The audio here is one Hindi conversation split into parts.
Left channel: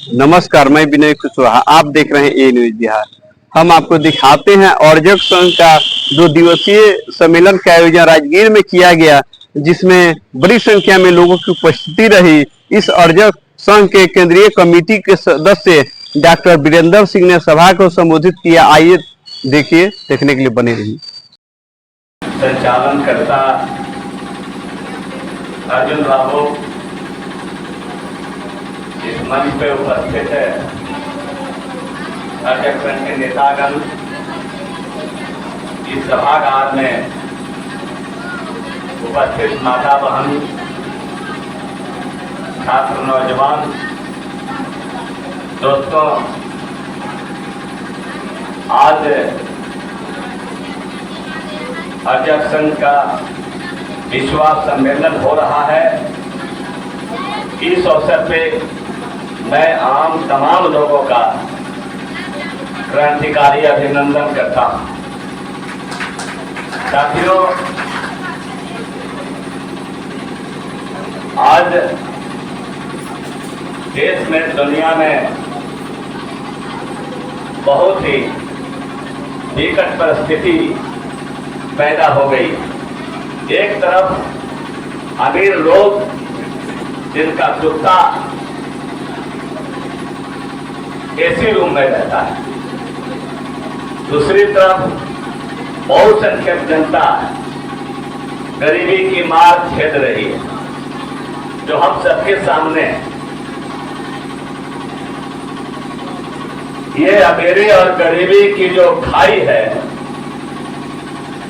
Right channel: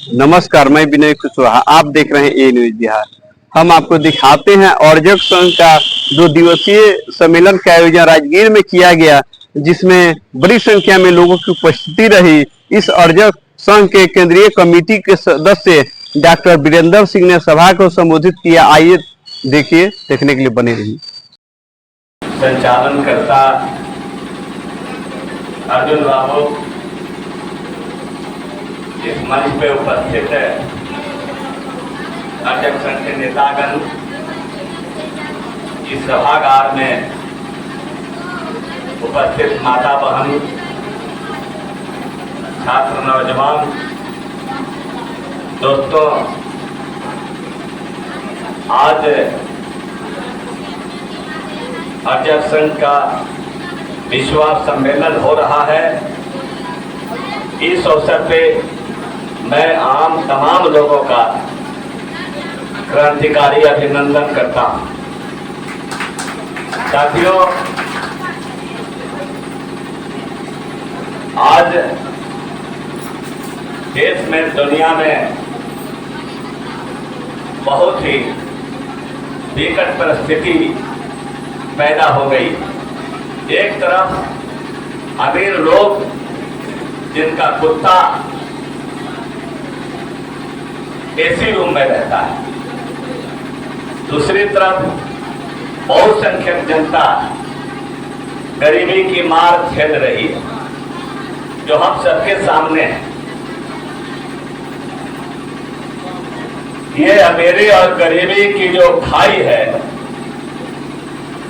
नमस्कार, मैं विनय कुशवाहा। आप देख रहे हैं ए न्यूज बिहार। हम आपको दिखाते हैं अर्जक संघ का 2 दिवसीय सम्मेलन का आयोजन राजगीर में किया गया, जिसमें बड़ी संख्या में लोगों की उपस्थिति रही। इस अर्जक संघ के केंद्रीय कमेटी के सदस्य डॉक्टर वीरेंद्र सिंह ने सभा को संबोधित किया। आइए देखिए, देखने के लिए बने रहिए। संचालन करता अर्जुन बाबू इस मंच पे उपस्थित है, अर्जक संघ के नेतागण इस सभागार में उपस्थित माता बहन, छात्र, नौजवान दोस्तों, आज अर्जक संघ का विश्वास सम्मेलन हो रहा है। इस अवसर पे मैं तमाम लोगों का क्रांतिकारी अभिनंदन करता हूं। साथियों, आज देश में, दुनिया में बहुत ही विकट परिस्थिति पैदा हो गई। एक तरफ अमीर लोग जिनका कुत्ता एसी रूम में रहता है, दूसरी तरफ बहुसंख्यक जनता गरीबी की मार झेल रही है, जो हम सबके सामने है। ये अमीरी और गरीबी की जो खाई है,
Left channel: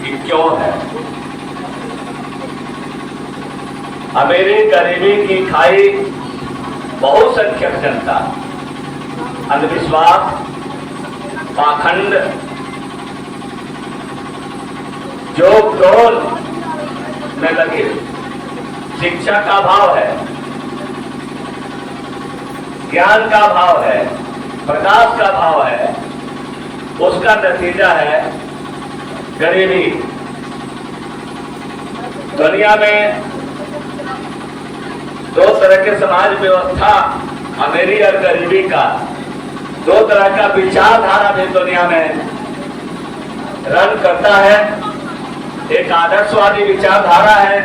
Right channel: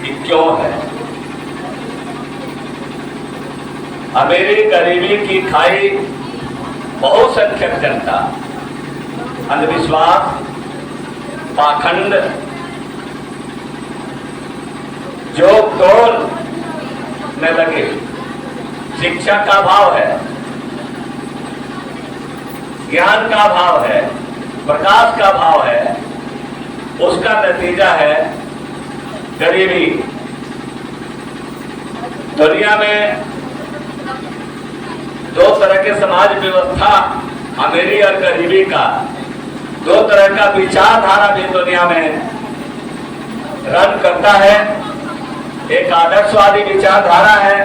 ये क्यों है? अमीरी गरीबी की खाई, बहुसंख्यक जनता, अंधविश्वास, पाखंड, जो क्रोध में लगे, शिक्षा का अभाव है, ज्ञान का अभाव है, प्रकाश का अभाव है, उसका नतीजा है गरीबी। दुनिया में दो तरह के समाज व्यवस्था, अमीरी और गरीबी का, दो तरह का विचारधारा भी दुनिया में रन करता है। एक आदर्शवादी विचारधारा है,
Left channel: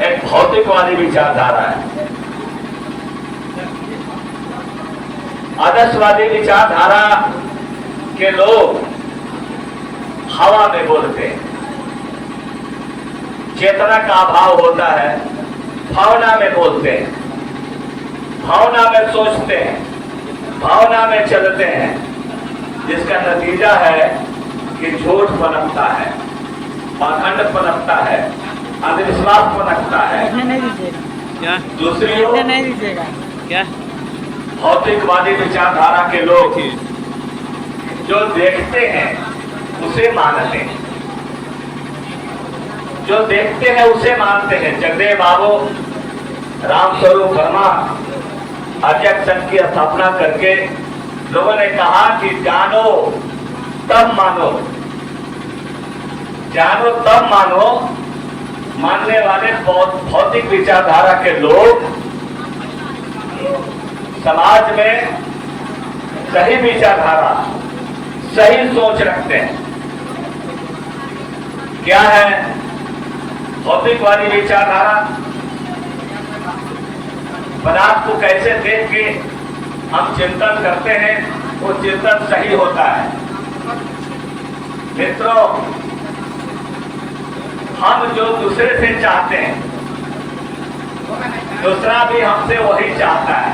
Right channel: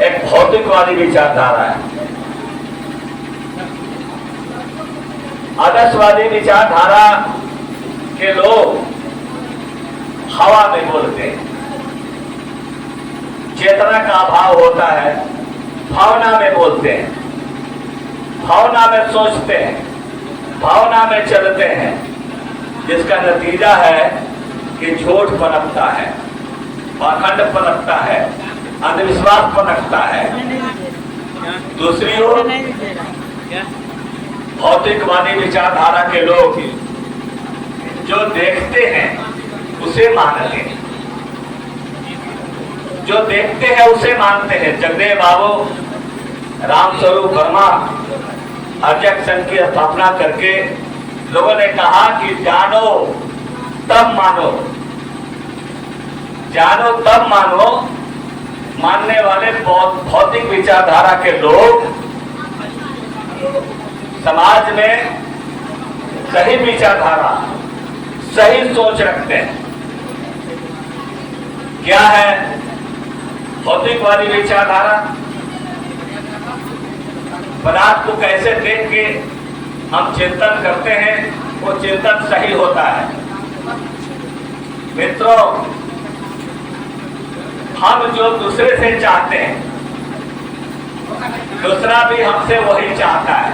एक भौतिकवादी विचारधारा है। आदर्शवादी विचारधारा के लोग हवा में बोलते हैं, चेतना का अभाव होता है, भावना में बोलते हैं, भावना में सोचते हैं, भावना में चलते हैं, जिसका नतीजा है कि झूठ पनपता है, पाखंड पनपता है, अंधविश्वास पनपता है। दूसरी ओर भौतिकवादी विचारधारा के लोग जो देखते हैं उसे मानते हैं, जो देखते हैं उसे मानते हैं। जगदेव बाबू रामस्वरूप वर्मा अर्जक संघ की स्थापना करके लोगों ने कहा कि जानो तब मानो, जानो तब मानो। मानने वाले भौतिक विचारधारा के लोग समाज में सही विचारधारा, सही सोच रखते हैं। क्या है भौतिकवादी विचारधारा? पदार्थ को कैसे देख के हम चिंतन करते हैं, वो चिंतन सही होता है। मित्रों, हम जो दूसरे से चाहते हैं, दूसरा भी हमसे वही चाहता है।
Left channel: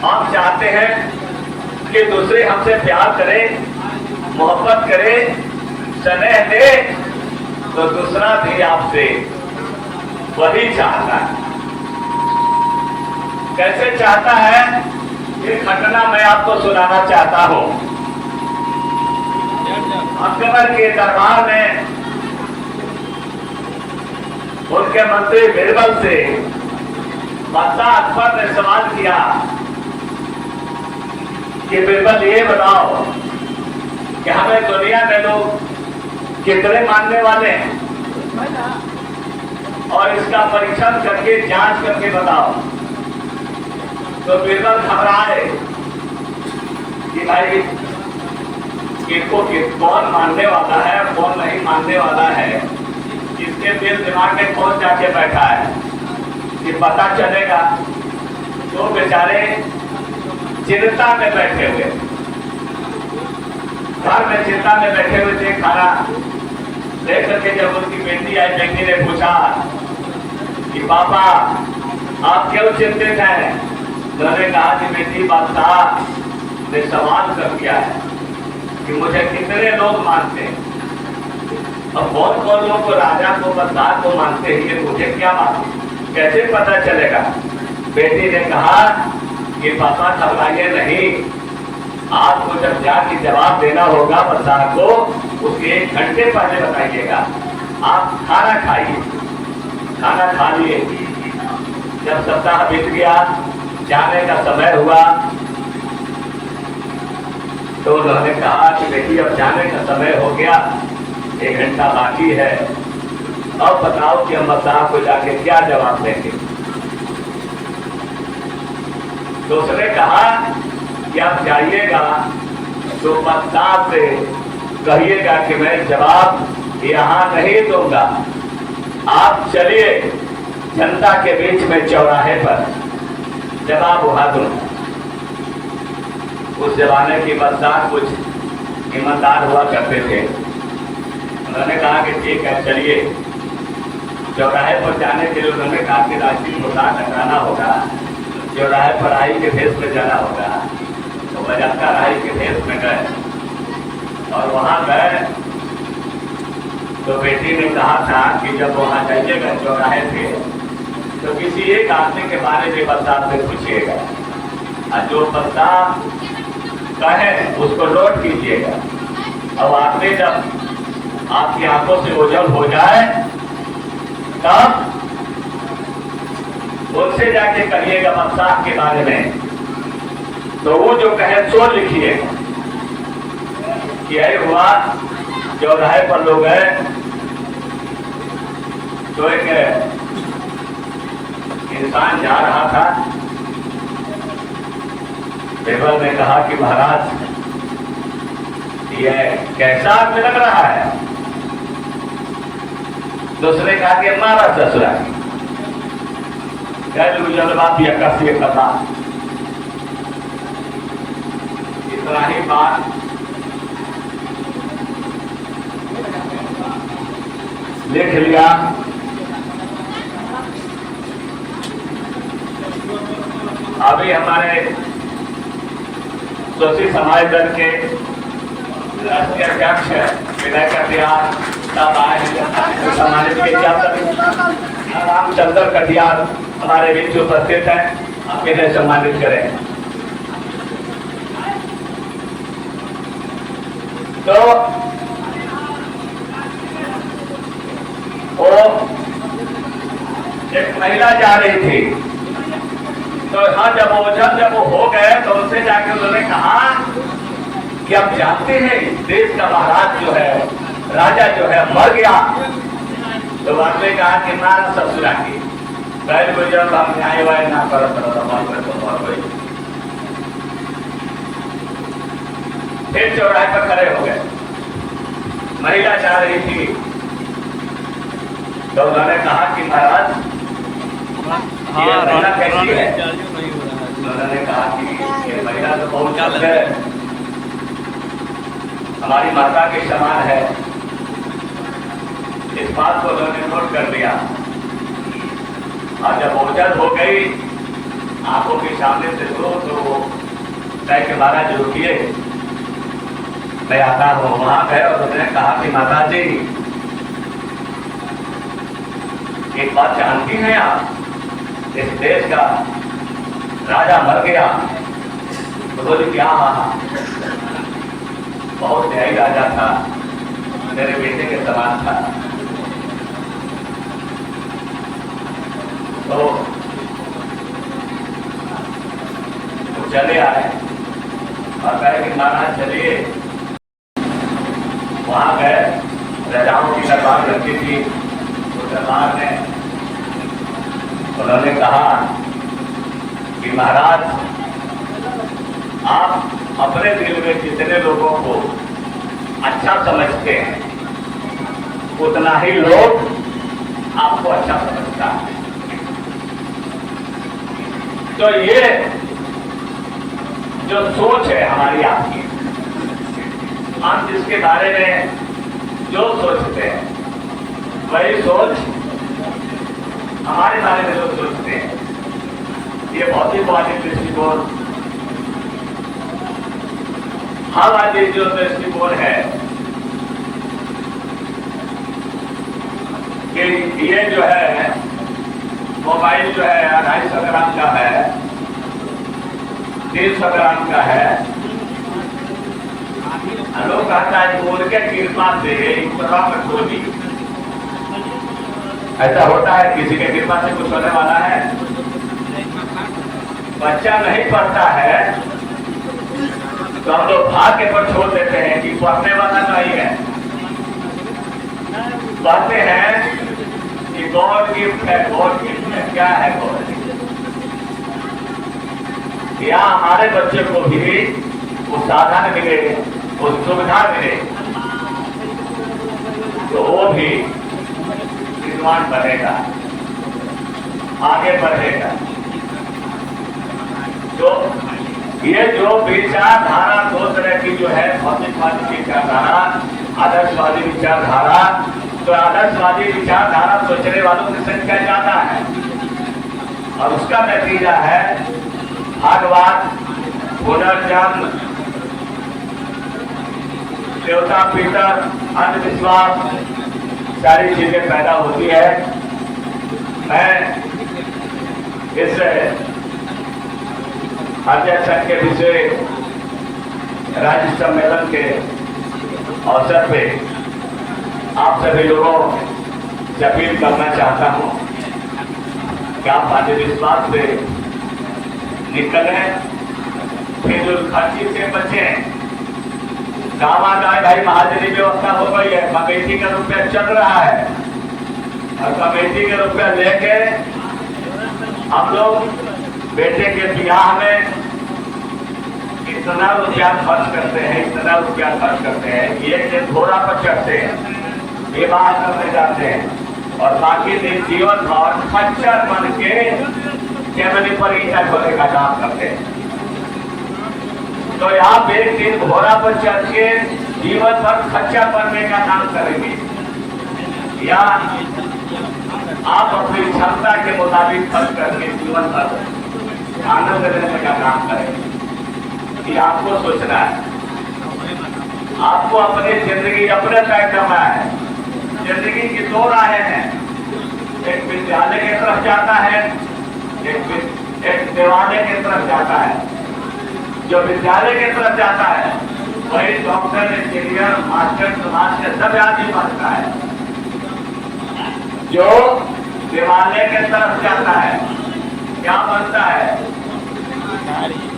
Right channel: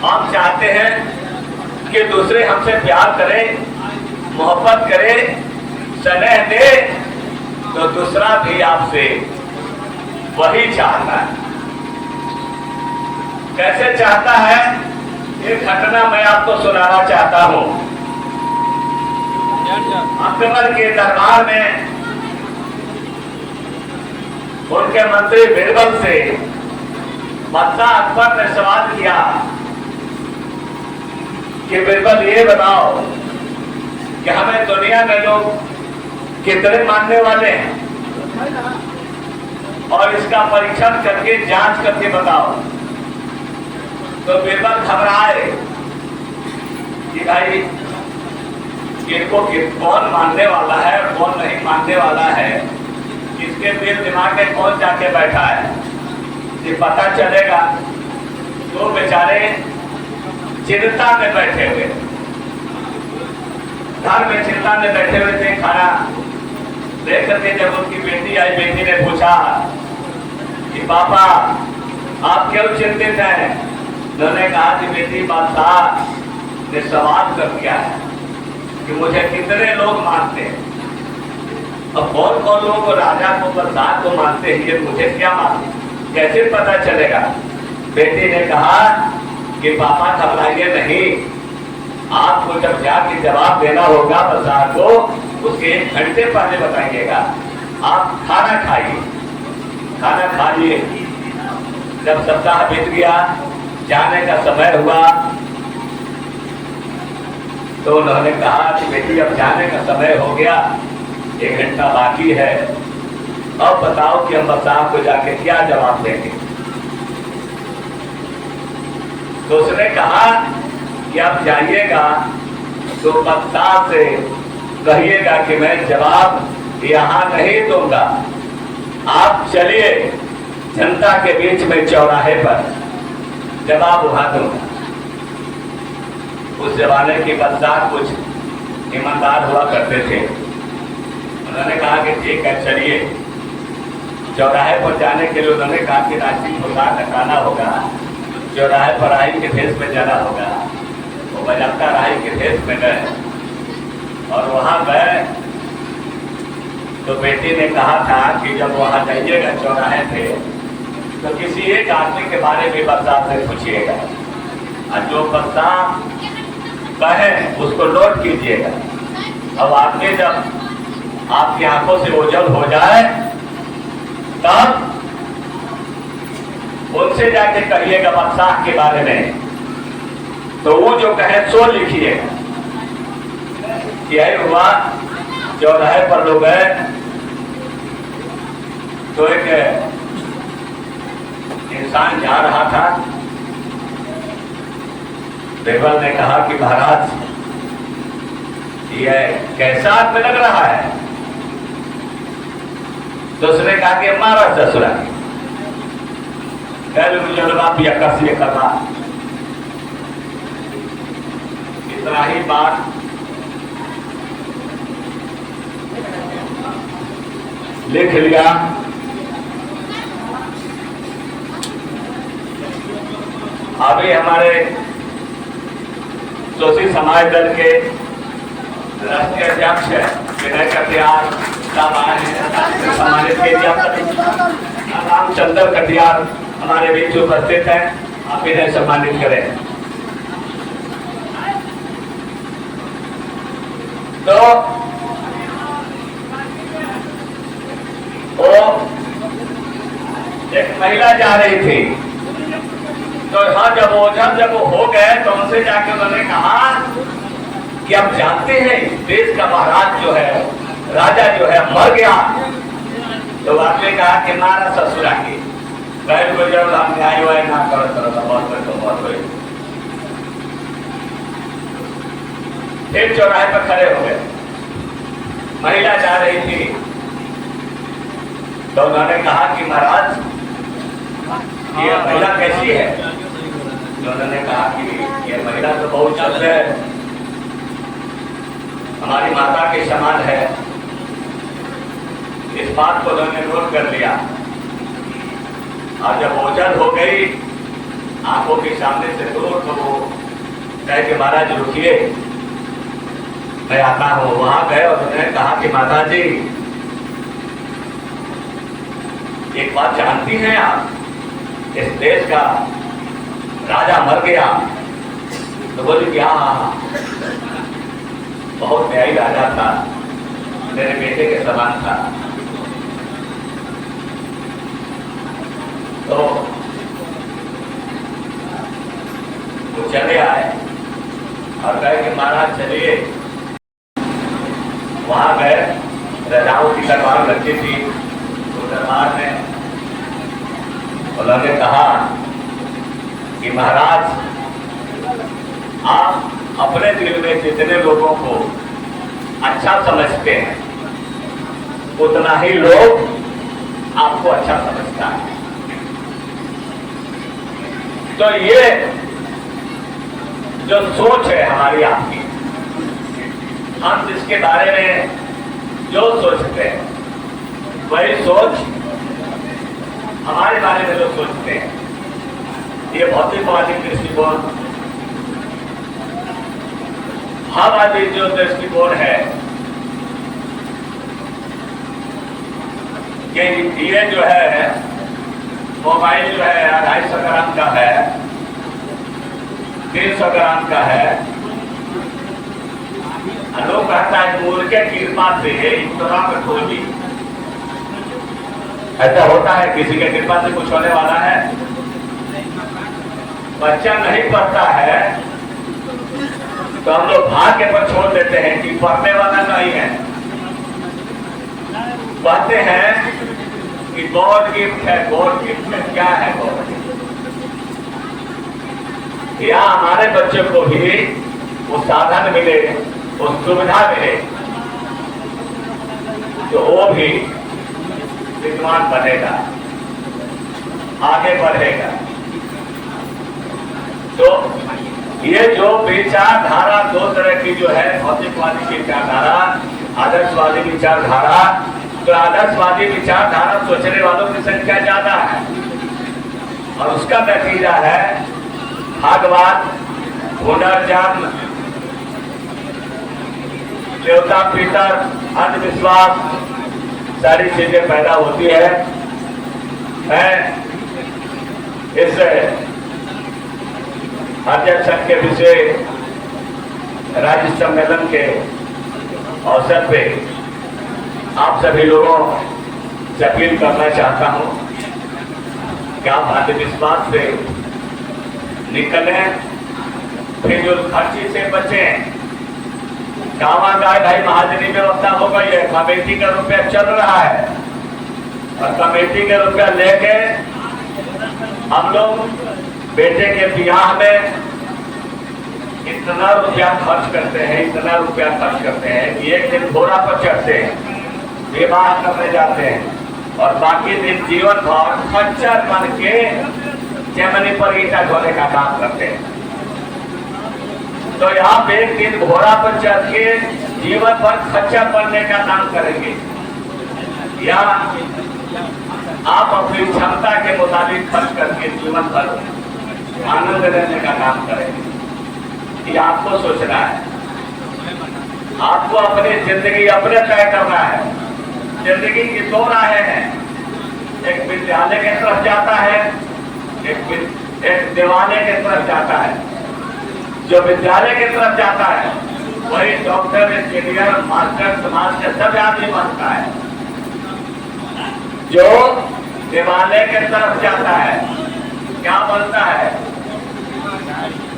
हम चाहते हैं कि दूसरे हमसे प्यार करे, मोहब्बत करे, स्नेह दे, तो दूसरा भी आपसे वही चाहता है। कैसे चाहता है? एक घटना मैं आपको सुनाना चाहता हूं। अकबर के दरबार में उनके मंत्री बीरबल से बादशाह अकबर ने सवाल किया कि बीरबल, ये बताओ कि हमें दुनिया में लोग कितने मानने वाले हैं, और इसका परीक्षण करके, जांच करके बताओ। तो बीरबल घबराए कि भाई इनको कौन मानने वाला है और कौन नहीं मानने वाला है, इसके दिल दिमाग में कौन जाके बैठा है, ये पता चलेगा। तो बेचारे चिंता में बैठे हुए, घर में चिंता में बैठे हुए थे। खाना देख करके जब उनकी बेटी आई, बेटी ने पूछा कि पापा आप क्यों चिंतित हैं? उन्होंने कहा कि बेटी बादशाह ने सवाल कर दिया है कि मुझे कितने लोग मानते हैं, अब कौन कौन लोगों को, राजा को, बादशाह को मानते हैं, ये मुझे क्या मालूम, कैसे पता चलेगा? बेटी ने कहा कि पापा घबराइए नहीं, आपको जब जाके जवाब देना होगा बादशाह को, उसके 1 घंटे पहले बताइएगा। आप खाना खाइए। खाना खा लिए। जब सप्ताह बीत गया, जाने का समय हुआ, तो उन्होंने कहा कि बेटी अब जाने का समय हो गया, 1 घंटा बाकी है, अब बताओ कि हम बादशाह को जाके क्या जवाब देंगे। तो उसने कहा कि आप जाइएगा तो बादशाह से कहिएगा कि मैं जवाब यहाँ नहीं दूंगा, आप चलिए जनता के बीच में चौराहे पर जवाब वहां दूंगा। उस जमाने की बादशाह कुछ ईमानदार हुआ करते थे। उन्होंने कहा कि ठीक है चलिए। चौराहे पर जाने के लिए उन्होंने कहा कि राशि होगा, कटाना होगा, चौराहे पर राही के भेष में जाना होगा। तो बजाता राही के भेष में गए और वहां गए तो बेटी ने कहा था कि जब वहां जाइएगा चौराहे थे तो किसी एक आदमी के बारे में बादशाह से पूछिएगा और जो बादशाह कहे उसको नोट कीजिएगा। अब आपने जब आपकी आंखों से ओझल हो जाए तब उनसे जाके कहिएगा बादशाह के बारे में, तो वो जो कहे सो लिखिएगा। यही हुआ। चौराहे पर लोग गए तो एक इंसान जा रहा था। बीरबल ने कहा कि महाराज यह कैसा आदमी लग रहा है? दूसरे कहा कि मारा ससुरा कथा। इतना ही बात लिख लिया। अभी हमारे सोशल समाज दल के राष्ट्रीय अध्यक्ष विनय कटियार साहब आए, हमारे रामचंद्र कटियार हमारे बीच उपस्थित हैं, आप इन्हें सम्मानित करें। तो वो एक महिला जा रही थी, तो हाँ जब वो हो गए तो उनसे जाके उन्होंने कहा कि आप जानते हैं देश का महाराज जो है, राजा जो है मर गया। तो आपने कहा कि मारा ससुरा की कह को जब हम न्याय हुआ ना करो तो मर गए। फिर चौराहे पर खड़े हो गए, महिला जा रही थी, तो उन्होंने कहा कि महाराज ये महिला कैसी है? उन्होंने कहा कि ये महिला तो बहुत शुद्ध है, हमारी माता के समान है। इस बात को उन्होंने नोट कर लिया और जब ओझल हो गई आंखों के सामने से दूर, तो वो कह के महाराज रुकिए मैं आता हूँ। वहां गए और उन्होंने कहा कि माता जी एक बात जानती हैं आप, इस देश का राजा मर गया। तो बोले क्या? बहुत न्यायी राजा था, मेरे बेटे के समान था। तो वो चले आए और कहे कि महाराज चलिए। वहां गए, राजाओं की दरबार लगती थी, तो दरबार में उन्होंने कहा कि महाराज आप अपने दिल में जितने लोगों को अच्छा समझते हैं उतना ही लोग आपको अच्छा समझता है। तो ये जो सोच है हमारी आपकी, हम जिसके बारे में जो सोचते हैं वही सोच हमारे बारे में जो सोचते हैं, ये भौतिकवादी दृष्टिकोण हमारी जो दृष्टिकोण है कि ये जो है मोबाइल जो है 250 ग्राम का है, 300 ग्राम का है। लोग कहता है बोल के कृपा से इतना कठोरी, ऐसा होता है किसी के कृपा से कुछ होने वाला है? बच्चा नहीं पढ़ता है तो हम लोग भाग्य पर छोड़ देते हैं कि पढ़ने वाला नहीं है। कहते हैं कि गॉड गिफ्ट है, गॉड गिफ्ट है। क्या है गॉड गिफ्ट? या हमारे बच्चे को भी वो साधन मिले, वो सुविधा मिले तो वो भी विद्वान बनेगा, आगे बढ़ेगा। तो ये जो विचारधारा दो तरह की जो है, भौतिकवादी विचारधारा, आदर्शवादी विचारधारा, तो आदर्शवादी विचारधारा सोचने वालों की संख्या ज्यादा है और उसका नतीजा है भागवत, पुनर्जन्म, देवता पितर, अंधविश्वास, सारी चीजें पैदा होती है। मैं इस अध्यक्ष के विषय राज्य सम्मेलन के अवसर पे आप सभी लोगों से अपील करना चाहता हूं कि आप अंधविश्वास से निकलें, फिजूल खर्ची से बचें। कामागार ढाई महाजनी व्यवस्था हो गई है, कमेटी का रुपया चल रहा है और कमेटी का रुपया लेके हम लोग बेटे के ब्याह में इतना रुपया खर्च करते हैं, इतना रुपया खर्च करते हैं कि एक दिन घोड़ा पर चढ़ते हैं, विवाह करने जाते हैं और बाकी दिन जीवन भर खच्चर बन के चेमनी पर ईटा ढोने का काम करते हैं। तो आप एक दिन घोड़ा पर चढ़ के जीवन भर खच्चर बनने का काम करेंगे या आप अपनी क्षमता के मुताबिक खर्च करके जीवन भर आनंद लेने का काम करेंगे? ये आपको सोचना है। आपको अपनी जिंदगी अपने तय करना है। जिंदगी की दो राहें हैं, एक विद्यालय की तरफ जाता है, एक देवालय की तरफ जाता है। जो विद्यालय की तरफ जाता है वही डॉक्टर, इंजीनियर, मास्टर, समाज के सब आदमी बनता है। जो देवालय की तरफ जाता है क्या बनता है?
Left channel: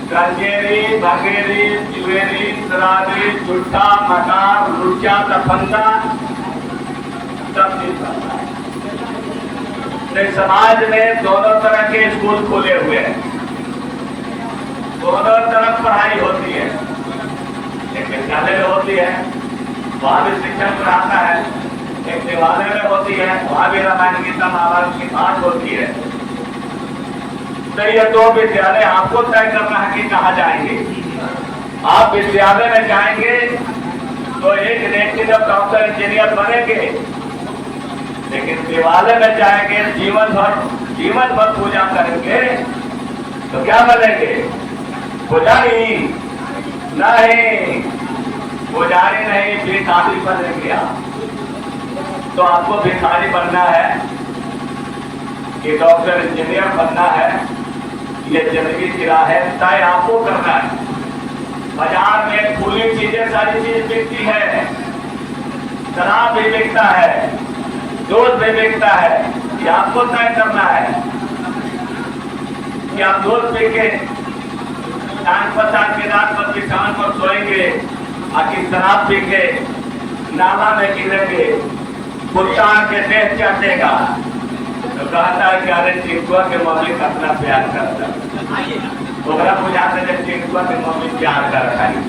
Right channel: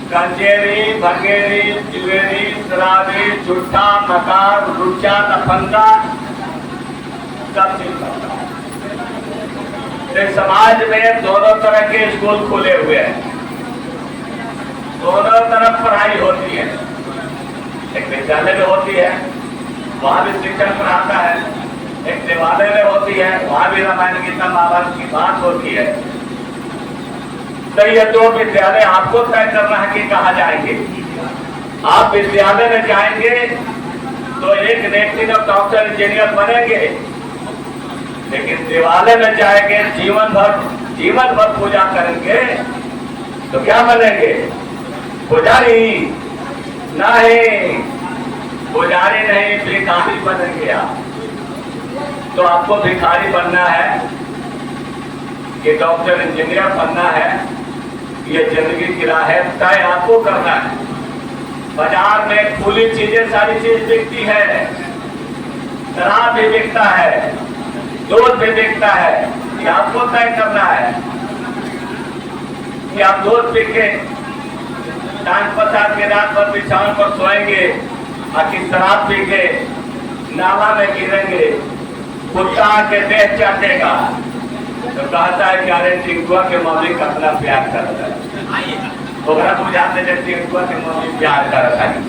कंजेरी, भंगेरी, जुएरी, शराबी, झूठा, मकार, लुच्चा, दफंगा, सब चीज बनता है। तो समाज में दोनों तरह के स्कूल खुले हुए हैं, दोनों तरफ पढ़ाई होती है। एक विद्यालय में होती है, वहां भी शिक्षण पढ़ाता है, एक देवालय में होती है, वहां भी रामायण गीता महाभारत की बात होती है। तो ये दो विद्यालय आपको तय करना है कि कहाँ जाएंगे। आप विद्यालय में जाएंगे तो एक व्यक्ति जब डॉक्टर, इंजीनियर बनेंगे, लेकिन देवालय में जाएंगे जीवन भर पूजा करेंगे तो क्या बनेंगे? पुजारी नहीं, पुजारी नहीं, भिखारी बनेंगे आप। तो आपको भिखारी बनना है कि डॉक्टर, इंजीनियर बनना है, ये जिंदगी की राह है, तय आपको करना है। बाजार में खुली चीजें, सारी चीज बिकती है, शराब भी बिकता है, दूध भी बिकता है, ये आपको तय करना है कि आप दूध पी के टांग पसार के रात भर बिछावन पर सोएंगे, आखिर शराब पी के नाला में गिरेंगे, कुत्ता के देह चाटेगा। तो कहता है कि अरे टिंकुआ के मम्मी कितना प्यार करता है, तो अगर बुझाते थे टिंकुआ के मम्मी प्यार करता है।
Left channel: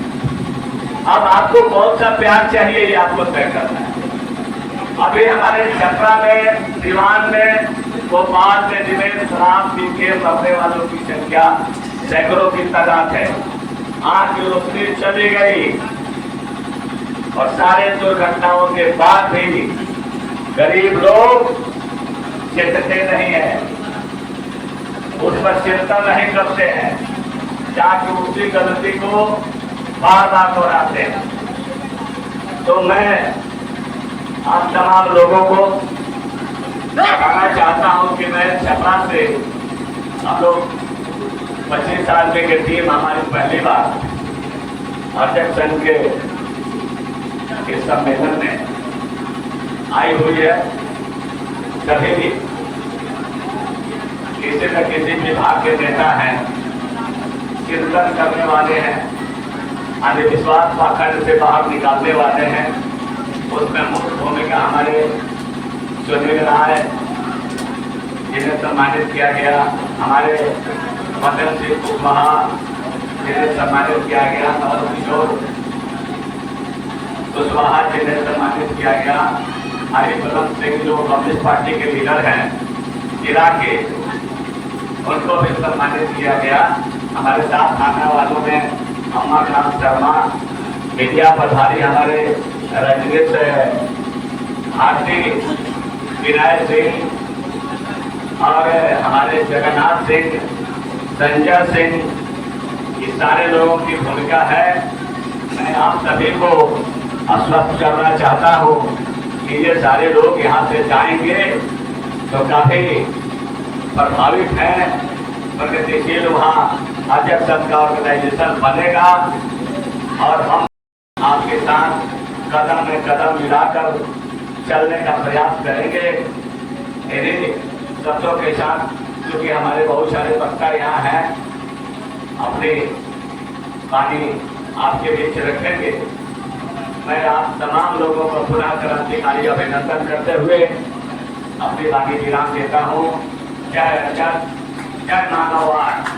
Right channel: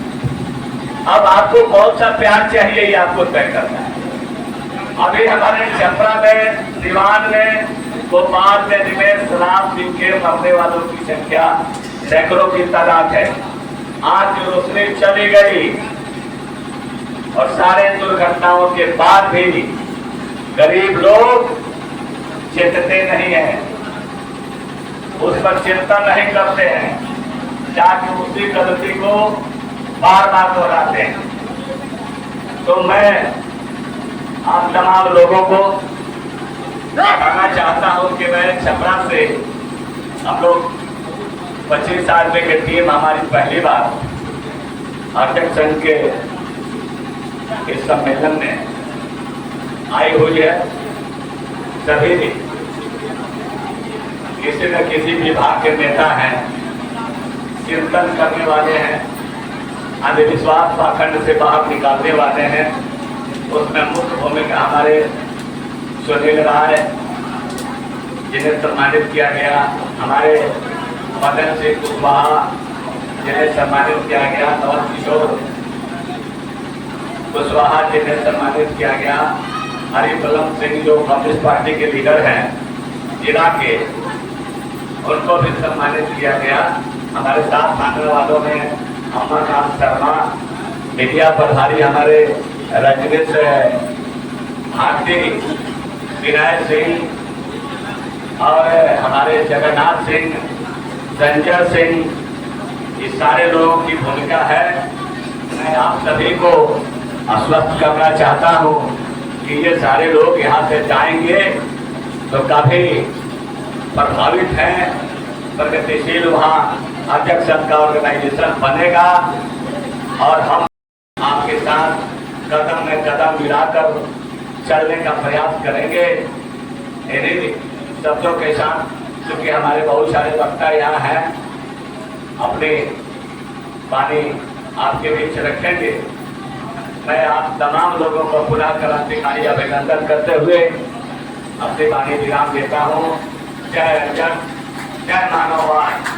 अब आपको कौन सा प्यार चाहिए ये आपको तय करना है। अभी हमारे छपरा में, सिवान में, भोपाल में दिनेश शराब पी के मरने वालों की संख्या सैकड़ों की तादाद है। आज रोशनी चली गई और सारे दुर्घटनाओं के बाद भी गरीब लोग चेतते नहीं है, उस पर चिंता नहीं करते हैं, जाके उसी गलती को बार बार दोहराते हैं। तो मैं आप तमाम लोगों को बताना चाहता हूं कि मैं छपरा से, हम लोग 25 आदमी की टीम हमारी पहली बार अर्चक संघ के इस सम्मेलन में आई हुई है। सभी किसी न किसी विभाग के नेता हैं, चिंतन करने वाले हैं, अंधविश्वास पाखंड से बाहर निकालने वाले हैं। उसमें मुख्य भूमिका हमारे सुनील राय जिन्हें सम्मानित किया गया, हमारे मदन सिंह कुशवाहा जिन्हें सम्मानित किया गया, और किशोर कुशवाहा जिन्हें सम्मानित किया गया, हरिबलम सिंह जो कम्युनिस्ट पार्टी के लीडर हैं जिला के, उनको भी सम्मानित किया गया। हमारे साथ आने वालों में अम्माकांत शर्मा, मीडिया प्रभारी हमारे रजनीश भारती, विनय सिंह और हमारे जगन्नाथ सिंह, संजय सिंह, ये सारे लोगों की भूमिका है। मैं आप सभी को आश्वस्त करना चाहता हूँ कि ये सारे लोग यहाँ से जाएंगे तो काफी प्रभावित हैं, प्रगतिशील वहाँ अर्चक संघ का ऑर्गेनाइजेशन बनेगा और हम आपके साथ कदम में कदम मिलाकर चलने का प्रयास करेंगे। इन्हीं शब्दों के साथ, क्योंकि हमारे बहुत सारे वक्ता यहाँ हैं, अपनी वाणी आपके बीच रखेंगे। मैं आप तमाम लोगों को पुनः क्रांतिकारी अभिनंदन करते हुए अपनी वाणी विराम देता हूँ। जय जय जय मानववाद।